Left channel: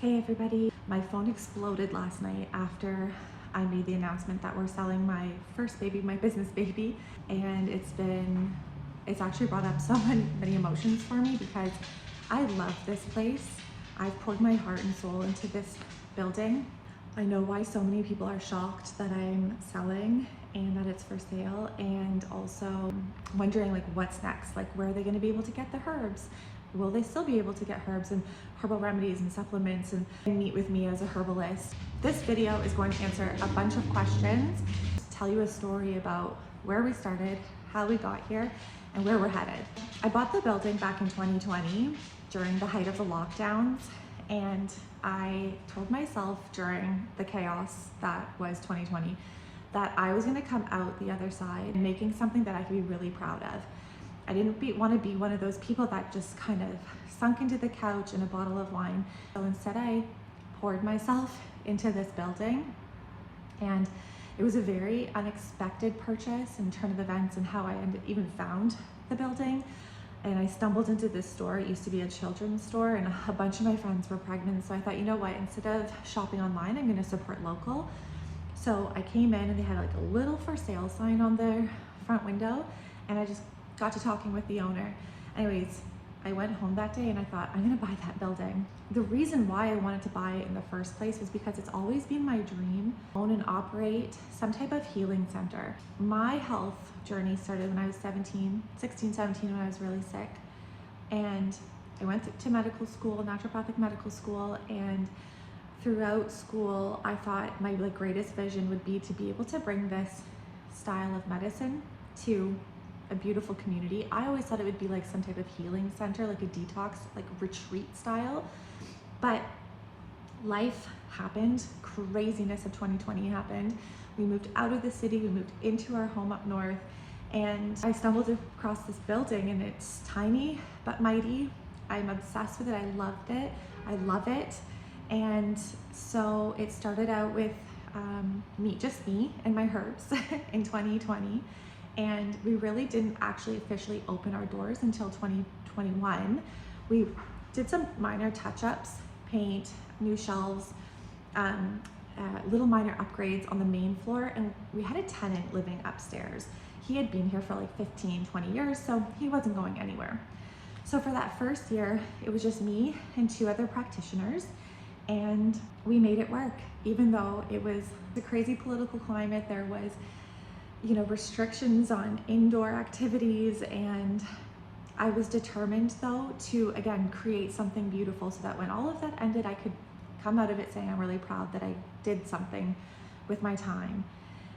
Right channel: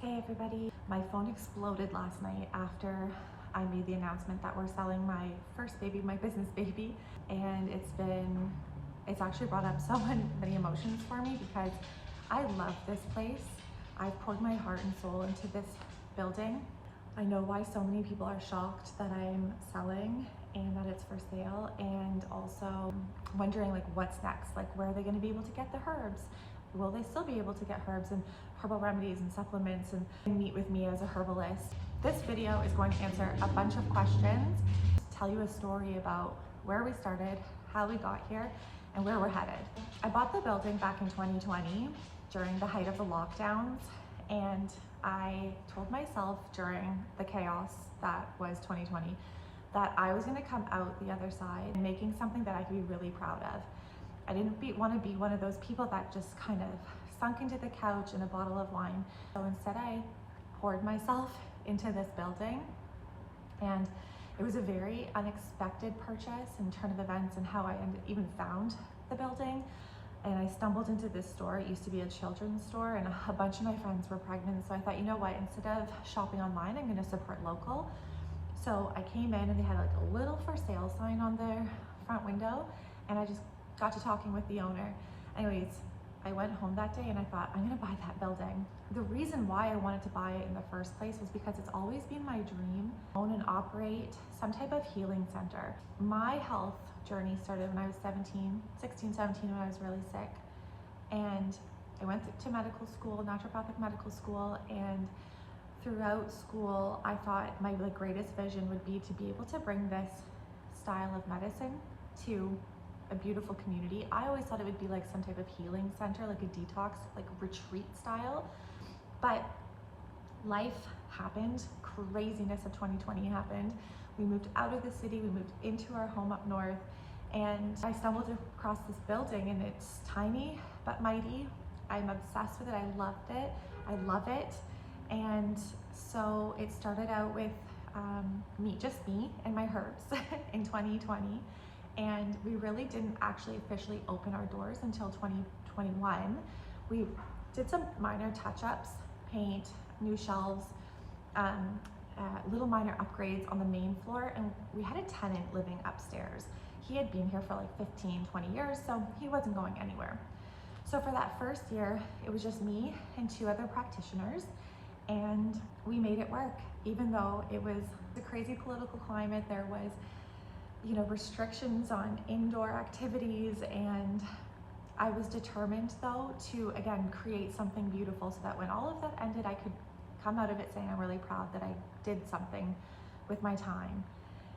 Hey everybody, my phone exploded last night after I made the announcement that we're selling my first baby, my business baby, and it's actually brought up so many emotions for me because I love this place. I've poured my heart and soul into this building. I know why so many people are shocked that I'm selling and that it's for sale, and also wondering like what's next, like where are they going to be able to get the herbs? Will they still be able to get herbs and herbal remedies and supplements and meet with me as a herbalist? This video is going to answer a bunch of questions, tell you a story about where we started, how we got here, and where we're headed. I bought the building back in 2020 during the height of the lockdowns, and I told myself during the chaos that was 2020 that I was going to come out the other side making something that I could be really proud of. I didn't want to be one of those people that just kind of sunk into the couch and a bottle of wine. So instead I poured myself into this building, and it was a very unexpected purchase and turn of events and how I even found the building. And I stumbled into this store. It used to be a children's store and a bunch of my friends were pregnant. So I thought, you know what, instead of shopping online, I'm going to support local. So I came in and they had like a little for sale sign on their front window, and I just got to talking with the owner. Anyways, I went home that day and I thought, I'm gonna buy that building. The reason why I wanted to buy it in the first place was because it's always been my dream to own and operate some type of healing center. My health journey started when I was 16, 17, when I was really sick. And I went to medical school, naturopathic medical school, and throughout school, I thought my greatest vision would be to be able to bring this style of medicine to a beautiful community. I always thought it would be like some type of healing center, like a detox, like retreat style. But life happened, craziness of 2020 happened. We moved out of the city, we moved into our home up north, and I stumbled across this building, and it's tiny but mighty. I'm obsessed with it, I loved it, I love it. And so it started out with just me and my herbs in 2020. And we really didn't actually officially open our doors until 2021. We did some minor touch-ups, paint, new shelves, little minor upgrades on the main floor, and we had a tenant living upstairs. He had been here for like 15, 20 years, so he wasn't going anywhere. So for that first year, it was just me and 2 other practitioners, and we made it work. Even though it was a crazy political climate, there was restrictions on indoor activities, and I was determined though to again create something beautiful so that when all of that ended, I could come out of it saying I'm really proud that I did something with my time.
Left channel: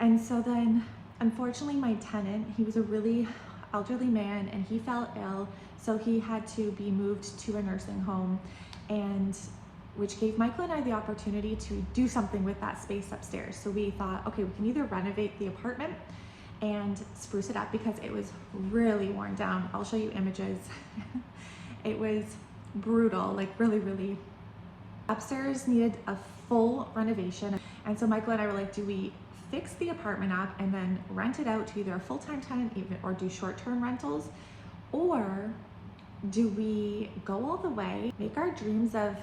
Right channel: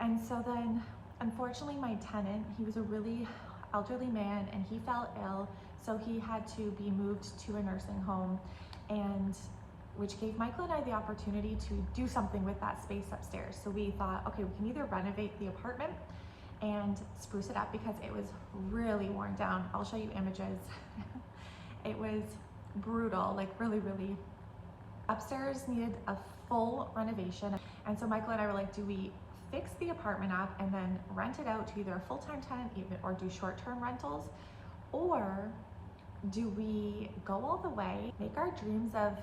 And so then unfortunately my tenant, he was a really elderly man and he fell ill, so he had to be moved to a nursing home, and which gave Michael and I the opportunity to do something with that space upstairs. So we thought, okay, we can either renovate the apartment and spruce it up because it was really worn down. I'll show you images. It was brutal, like really. Upstairs needed a full renovation. And so Michael and I were like, do we fix the apartment up and then rent it out to either a full-time tenant or do short-term rentals? Or do we go all the way, make our dreams of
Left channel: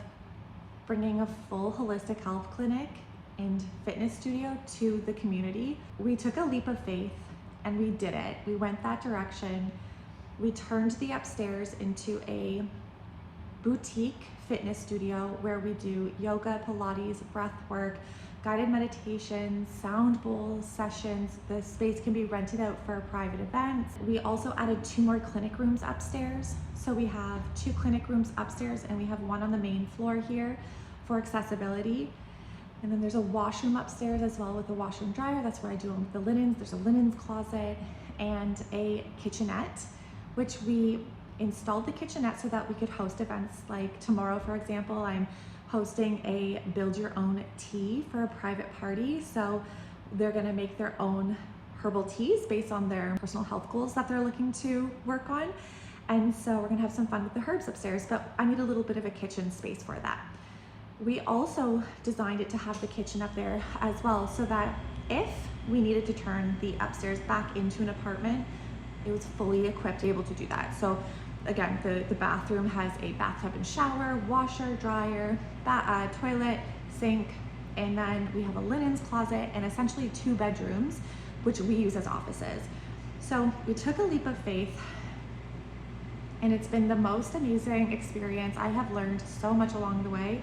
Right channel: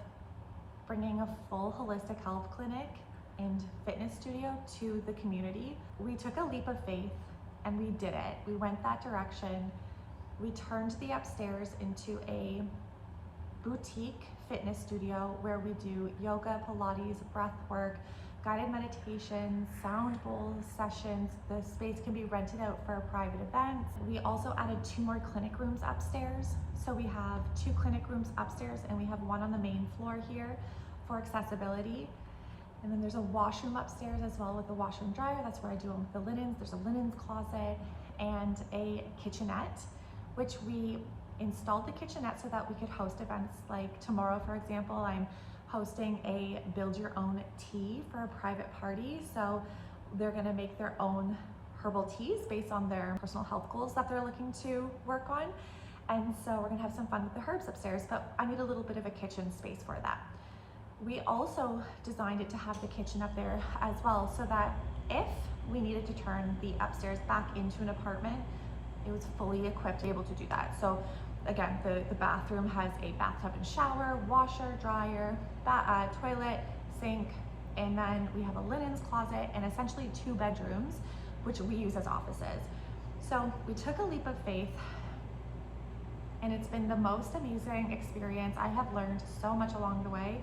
bringing a full holistic health clinic and fitness studio to the community? We took a leap of faith and we did it. We went that direction. We turned the upstairs into a boutique fitness studio where we do yoga, Pilates, breath work, guided meditations, sound bowl sessions. The space can be rented out for private events. We also added 2 more clinic rooms upstairs. So we have 2 clinic rooms upstairs and we have 1 on the main floor here for accessibility. And then there's a washroom upstairs as well with a washer and dryer. That's where I do all the linens. There's a linens closet and a kitchenette, which we installed the kitchenette so that we could host events. Like tomorrow, for example, I'm hosting a build your own tea for a private party. So they're gonna make their own herbal teas based on their personal health goals that they're looking to work on. And so we're gonna have some fun with the herbs upstairs, but I need a little bit of a kitchen space for that. We also designed it to have the kitchen up there as well, so that if we needed to turn the upstairs back into an apartment, it was fully equipped to be able to do that. So again, the bathroom has a bathtub and shower, washer, dryer, toilet, sink, and then we have a linens closet and essentially 2 bedrooms, which we use as offices. So we took a leap of faith, and it's been the most amazing experience. I have learned so much along the way.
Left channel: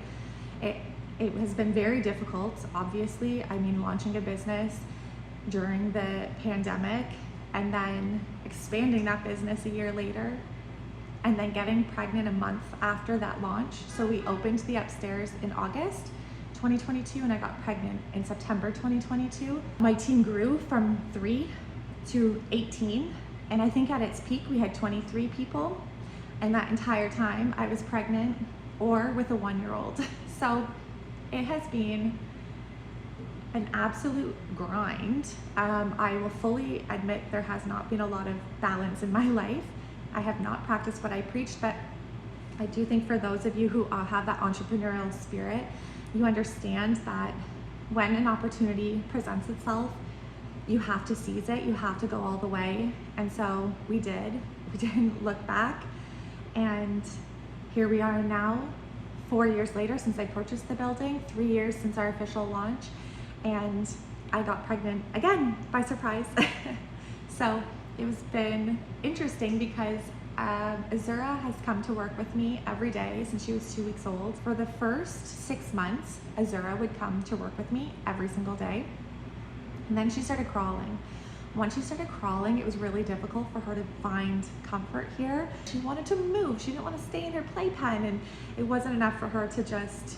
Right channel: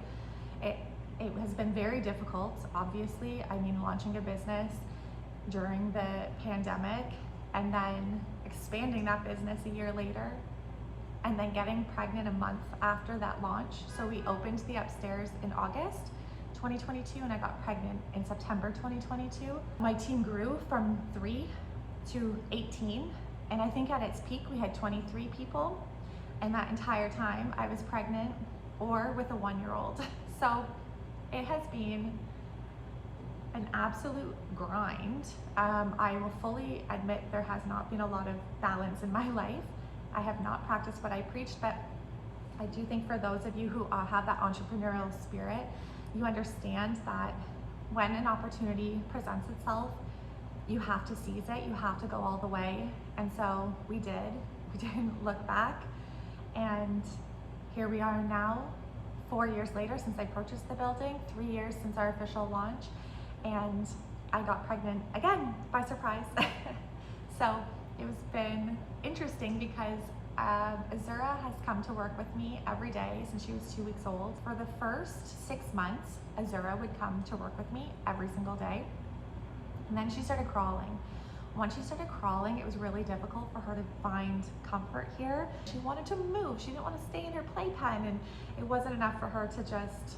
It has been very difficult, obviously. I mean, launching a business during the pandemic and then expanding that business a year later, and then getting pregnant a month after that launch. So we opened the upstairs in August 2022 and I got pregnant in September 2022. My team grew from 3 to 18, and I think at its peak we had 23 people, and that entire time I was pregnant or with a 1-year-old. So it has been an absolute grind. I will fully admit there has not been a lot of balance in my life. I have not practiced what I preach, but I do think for those of you who have that entrepreneurial spirit, you understand that when an opportunity presents itself, you have to seize it, you have to go all the way. And so we did. We didn't look back. And here we are now, 4 years later since I purchased the building, 3 years since our official launch, and I got pregnant again by surprise. So it has been interesting because Azura has come to work with me every day since she was 2 weeks old. For the first 6 months, Azura would come to work with me every single day. And then she started crawling. Once she started crawling, it was really difficult for her to find comfort here. She wanted to move. She didn't want to stay in her playpen, and it wasn't enough for her to just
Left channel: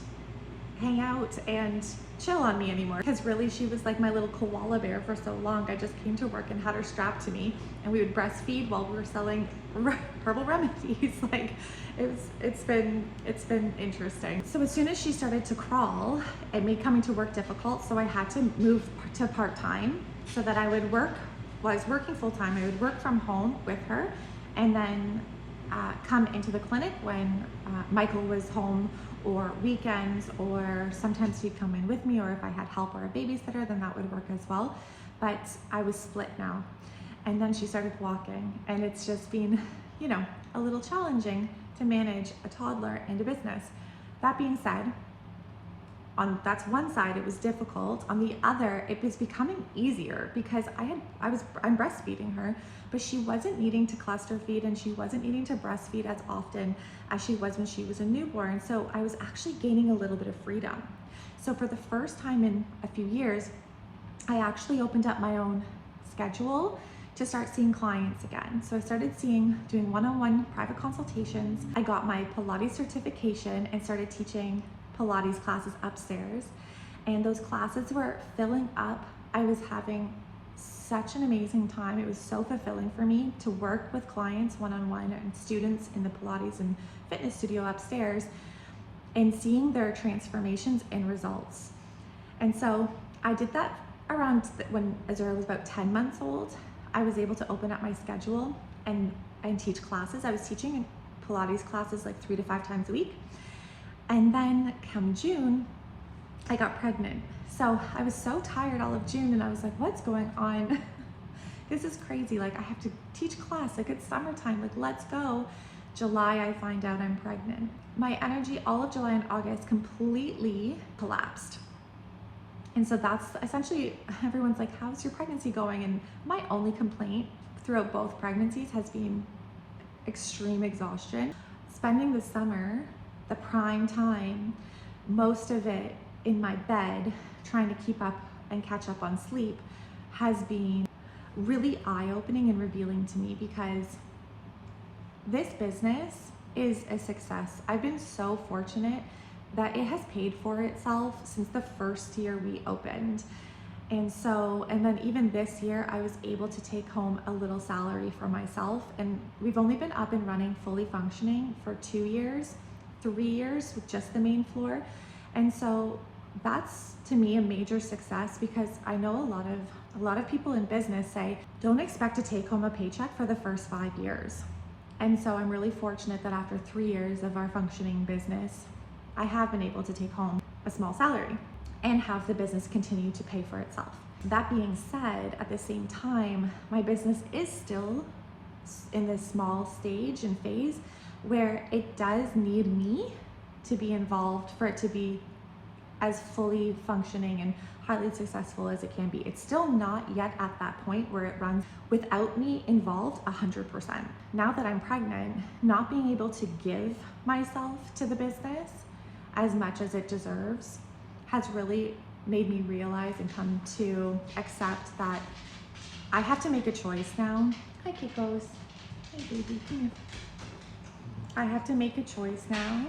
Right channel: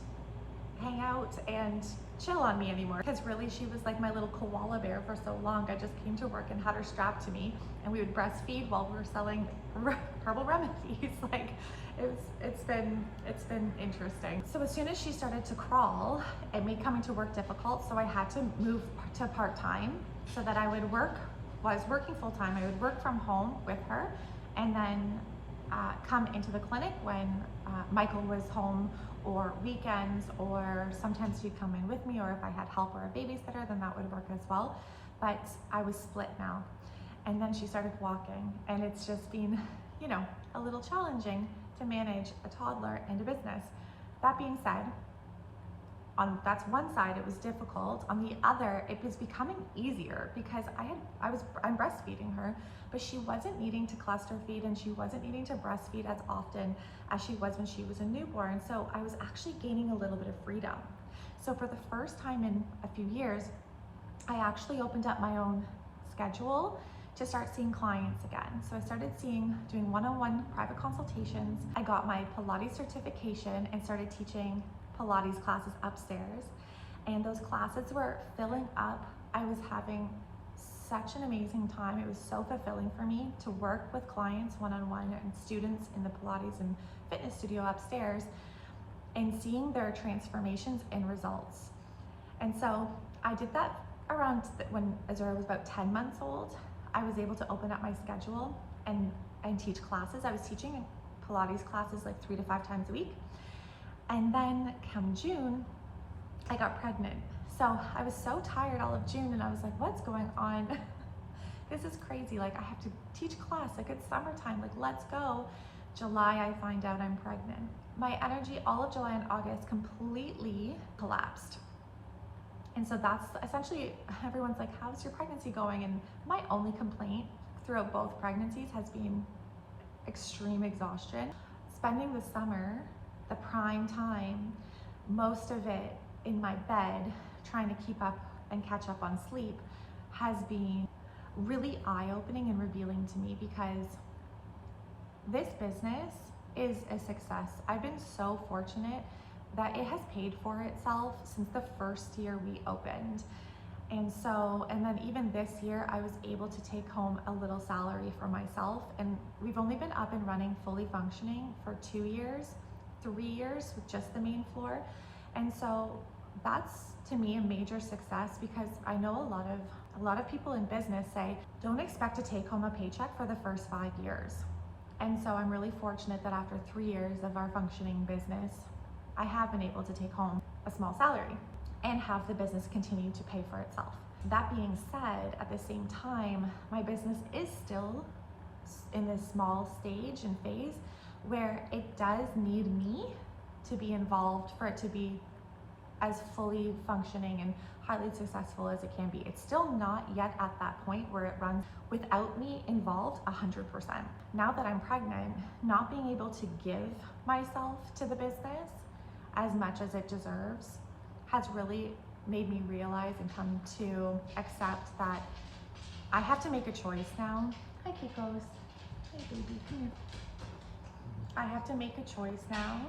hang out and chill on me anymore. Because really, she was like my little koala bear for so long. I just came to work and had her strapped to me, and we would breastfeed while we were selling herbal remedies. Like, it's been interesting. So as soon as she started to crawl, it made coming to work difficult. So I had to move to part-time so that I would was working full-time. I would work from home with her, and then come into the clinic when Michael was home, or weekends, or sometimes he'd come in with me, or if I had help or a babysitter, then that would work as well. But I was split now. And then she started walking, and it's just been, you know, a little challenging to manage a toddler and a business. That being said, that's one side, it was difficult. On the other, it was becoming easier because I'm breastfeeding her, but she wasn't needing to cluster feed, and she wasn't needing to breastfeed as often as she was when she was a newborn. So I was actually gaining a little bit of freedom. So for the first time in a few years, I actually opened up my own schedule to start seeing clients again. So I started doing one-on-one private consultations. I got my Pilates certification and started teaching Pilates classes upstairs, and those classes were filling up. I was having such an amazing time. It was so fulfilling for me to work with clients one-on-one and students in the Pilates and fitness studio upstairs, and seeing their transformations and results. And so I did that around when Azura was about 10 months old. I was able to open up my schedule and teach classes. I was teaching Pilates classes like 3 to 5 times a week. And then come June, I got pregnant. So I was so tired all of June, and I was like, what's going on? This is crazy. Like, I have to teach class, like it's summertime, like let's go. July, I find out I'm pregnant. My energy all of July and August completely collapsed. And so that's essentially, everyone's like, how's your pregnancy going? And my only complaint throughout both pregnancies has been extreme exhaustion. Spending the summer, the prime time, most of it in my bed, trying to keep up and catch up on sleep, has been really eye-opening and revealing to me, because this business is a success. I've been so fortunate that it has paid for itself since the first year we opened. And then even this year, I was able to take home a little salary for myself. And we've only been up and running, fully functioning, for 2 years, 3 years with just the main floor. And so that's, to me, a major success, because I know a lot of people in business say, don't expect to take home a paycheck for the first 5 years. And so I'm really fortunate that after 3 years of our functioning business, I have been able to take home a small salary and have the business continue to pay for itself. That being said, at the same time, my business is still in this small stage and phase where it does need me to be involved for it to be as fully functioning and highly successful as it can be. It's still not yet at that point where it runs without me involved 100%. Now that I'm pregnant, not being able to give myself to the business as much as it deserves has really made me realize and come to accept that I have to make a choice now. Hi, Kikos. Hey, baby, come here. I have to make a choice now.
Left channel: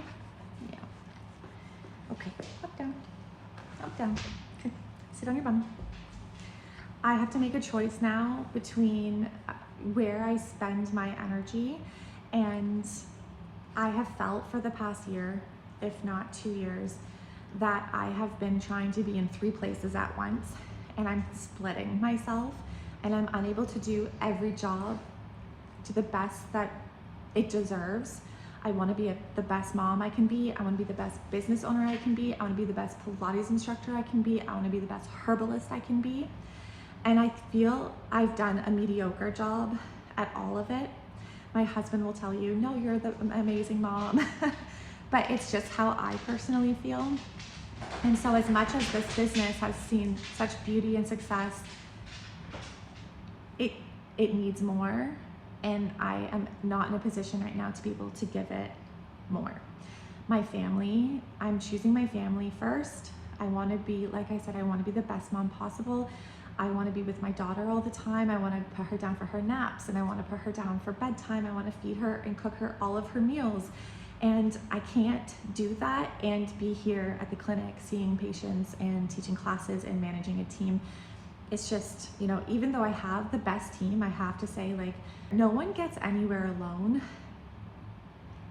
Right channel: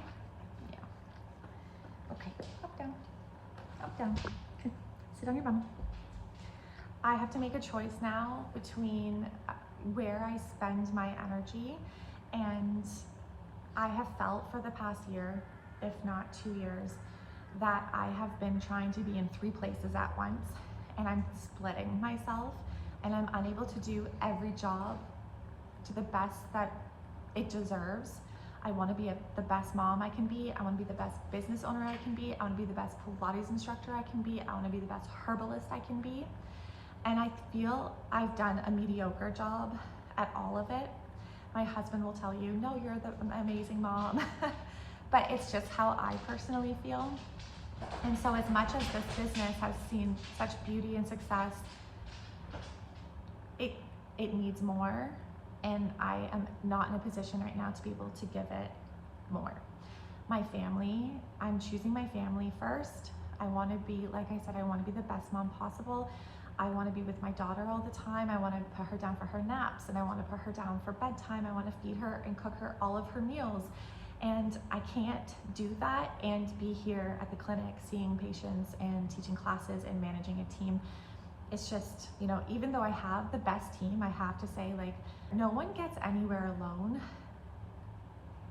Yeah. Okay, up, down. Up, down. Okay. Sit on your bum. I have to make a choice now between where I spend my energy, and I have felt for the past year, if not 2 years, that I have been trying to be in 3 places at once, and I'm splitting myself, and I'm unable to do every job to the best that it deserves. I want to be the best mom I can be. I want to be the best business owner I can be. I want to be the best Pilates instructor I can be. I want to be the best herbalist I can be. And I feel I've done a mediocre job at all of it. My husband will tell you, no, you're the amazing mom. But it's just how I personally feel. And so as much as this business has seen such beauty and success, it needs more. And I am not in a position right now to be able to give it more. My family, I'm choosing my family first. I want to be, like I said, I want to be the best mom possible. I want to be with my daughter all the time. I want to put her down for her naps, and I want to put her down for bedtime. I want to feed her and cook her all of her meals. And I can't do that and be here at the clinic seeing patients and teaching classes and managing a team. It's just, you know, even though I have the best team, I have to say, like, no one gets anywhere alone.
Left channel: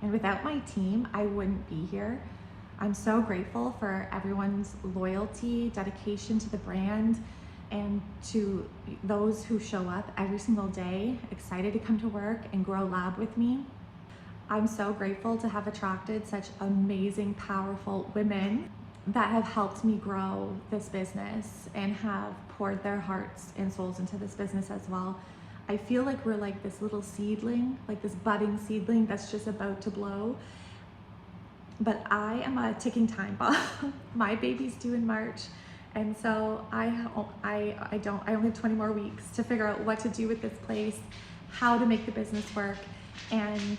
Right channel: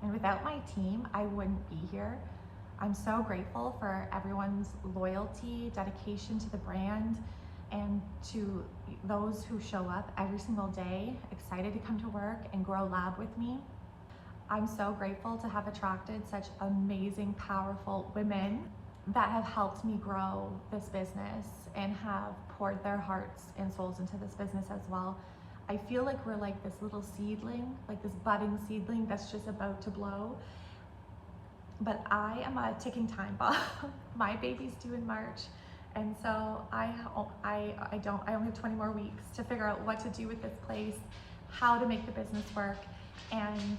And without my team, I wouldn't be here. I'm so grateful for everyone's loyalty, dedication to the brand, and to those who show up every single day, excited to come to work and grow lab with me. I'm so grateful to have attracted such amazing, powerful women that have helped me grow this business and have poured their hearts and souls into this business as well. I feel like we're like this little seedling, like this budding seedling that's just about to blow. But I am a ticking time bomb. My baby's due in March. And so I only have 20 more weeks to figure out what to do with this place, how to make the business work, and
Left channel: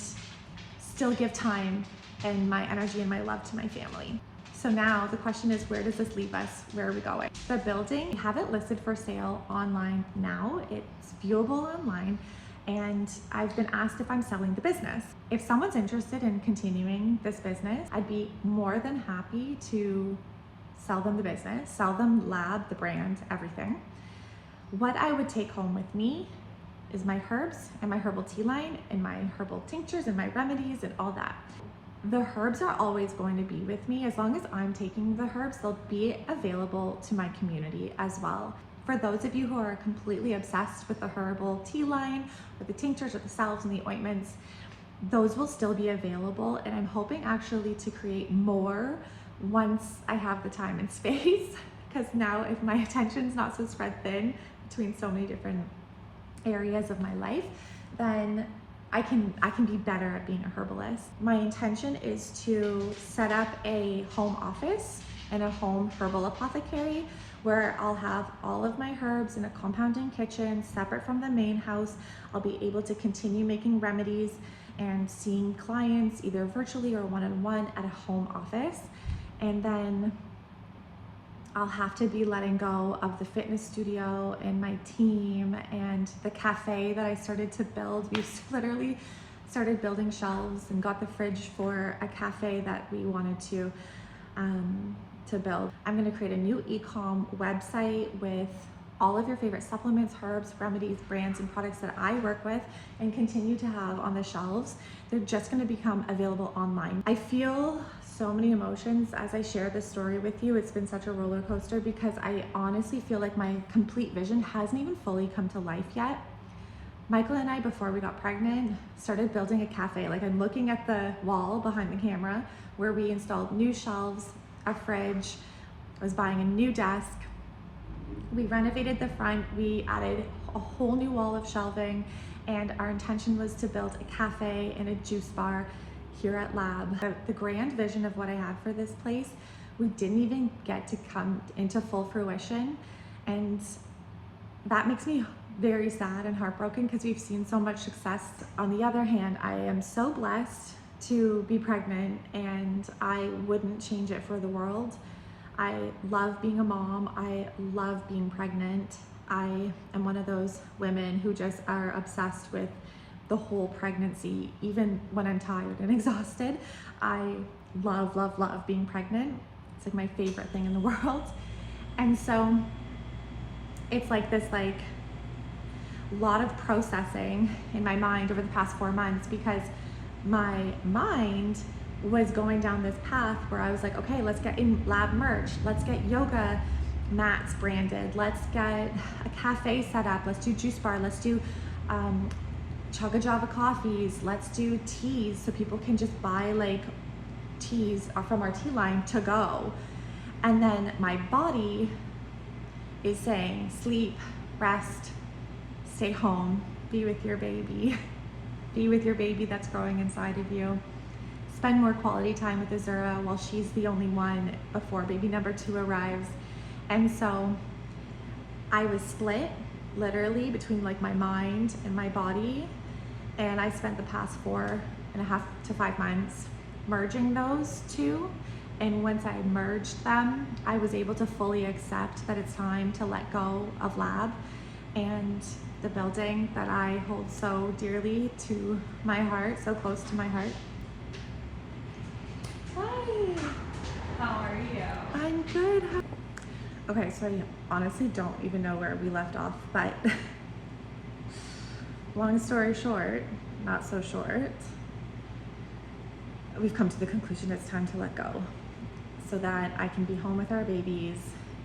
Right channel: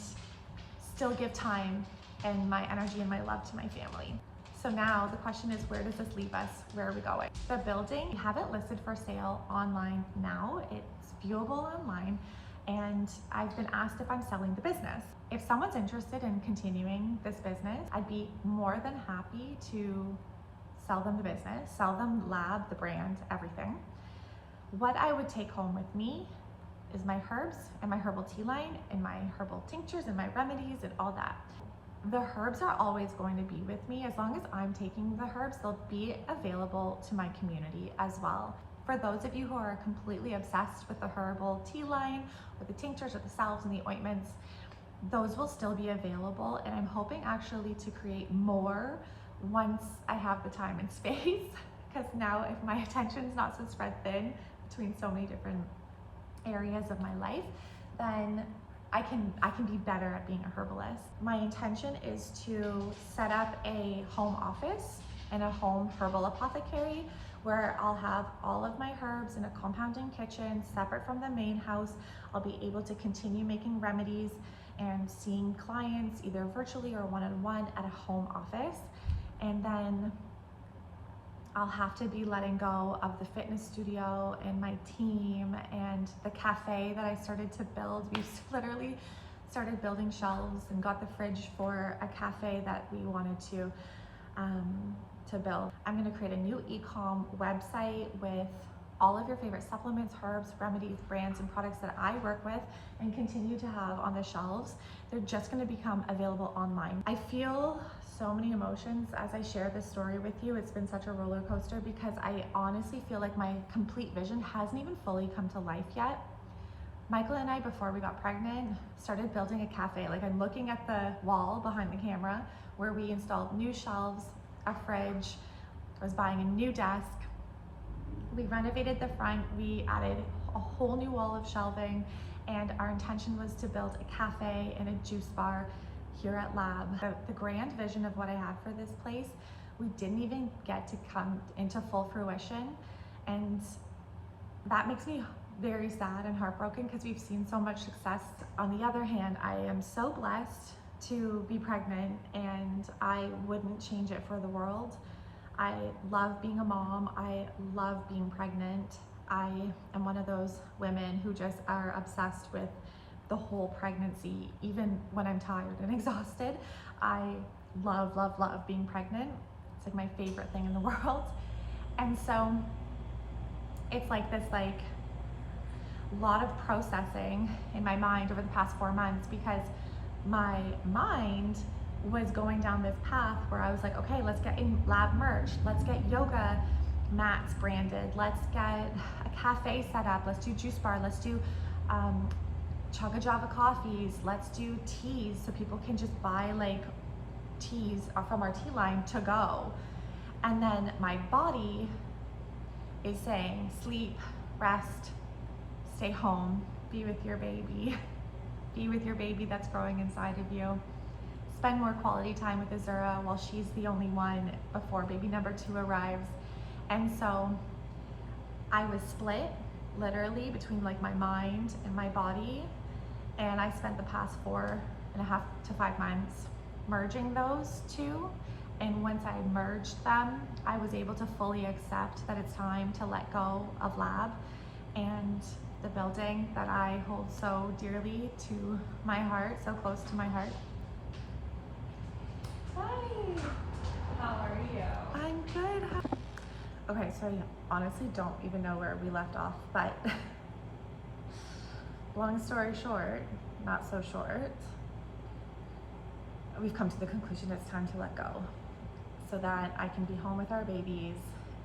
still give time and my energy and my love to my family. So now the question is, where does this leave us? Where are we going? The building, we have it listed for sale online now. It's viewable online, and I've been asked if I'm selling the business. If someone's interested in continuing this business, I'd be more than happy to sell them the business, sell them lab, the brand, everything. What I would take home with me is my herbs and my herbal tea line and my herbal tinctures and my remedies and all that. The herbs are always going to be with me. As long as I'm taking the herbs, they'll be available to my community as well. For those of you who are completely obsessed with the herbal tea line, or the tinctures, or the salves and the ointments, those will still be available. And I'm hoping actually to create more once I have the time and space, because now if my attention's not so spread thin between so many different areas of my life, then I can be better at being a herbalist. My intention is to set up a home office and a home herbal apothecary where I'll have all of my herbs in a compounding kitchen separate from the main house. I'll be able to continue making remedies and seeing clients either virtually or one-on-one at a home office. And then I'll have to be letting go of the fitness studio and my team and the cafe that I started to build. We've literally started building shelves and got the fridge for a cafe that we wanted to build. I'm going to create a new e-com website with all of your favorite supplements, herbs, remedies, brands, and products that I work with and continue to have on the shelves. They're just going to become available online. I feel so many emotions as I share this story with you. It's been such a roller coaster because I honestly feel like my complete vision hasn't even fully come to life yet. Michael and I, before we got pregnant, started building a cafe. Like, I'm looking at the wall behind the camera where we installed new shelves, a fridge. I was buying a new desk. We renovated the front. We added a whole new wall of shelving, And our intention was to build a cafe and a juice bar here at Lab. The grand vision of what I had for this place, we didn't even get to come into full fruition. And that makes me very sad and heartbroken because we've seen so much success. On the other hand, I am so blessed to be pregnant, and I wouldn't change it for the world. I love being a mom. I love being pregnant. I am one of those women who just are obsessed with the whole pregnancy, even when I'm tired and exhausted. I love, love, love being pregnant. It's like my favorite thing in the world. And so it's like this lot of processing in my mind over the past 4 months, because my mind was going down this path where I was like, okay, let's get in Lab merch, let's get yoga mats branded, let's get a cafe set up, let's do juice bar, let's do Chugga Java coffees, let's do teas so people can just buy like teas from our tea line to go. And then my body is saying sleep, rest, stay home, be with your baby, be with your baby that's growing inside of you. Spend more quality time with Azura while she's the only one before baby number 2 arrives. And so I was split literally between like my mind and my body. And I spent the past 4.5 to 5 months merging those two. And once I merged them, I was able to fully accept that it's time to let go of Lab and the building that I hold so dearly to my heart, so close to my heart. Hi. How are you? I'm good. Okay, so I honestly don't even know where we left off, but long story short, not so short, we've come to the conclusion it's time to let go so that I can be home with our babies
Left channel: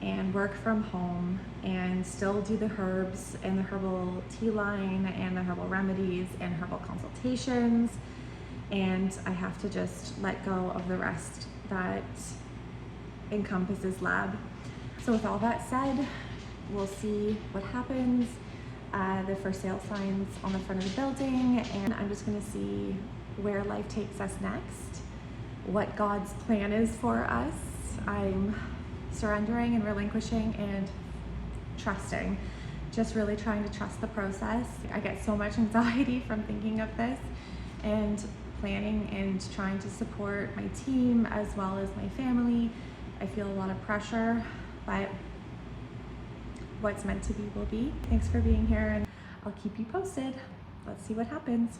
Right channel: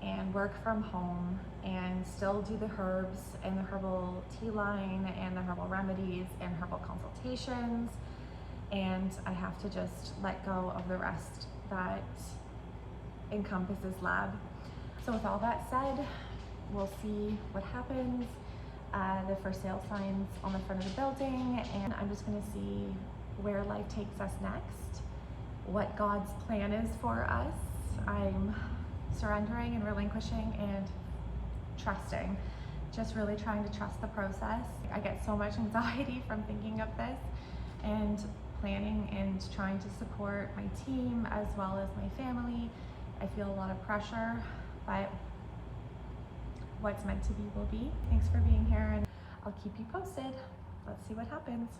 and work from home and still do the herbs and the herbal tea line and the herbal remedies and herbal consultations. And I have to just let go of the rest that encompasses Lab. So with all that said, we'll see what happens. The for sale signs on the front of the building, and I'm just gonna see where life takes us next, what God's plan is for us. I'm surrendering and relinquishing and trusting, just really trying to trust the process. I get so much anxiety from thinking of this and planning and trying to support my team as well as my family. I feel a lot of pressure, but what's meant to be will be. Thanks for being here, and I'll keep you posted. Let's see what happens.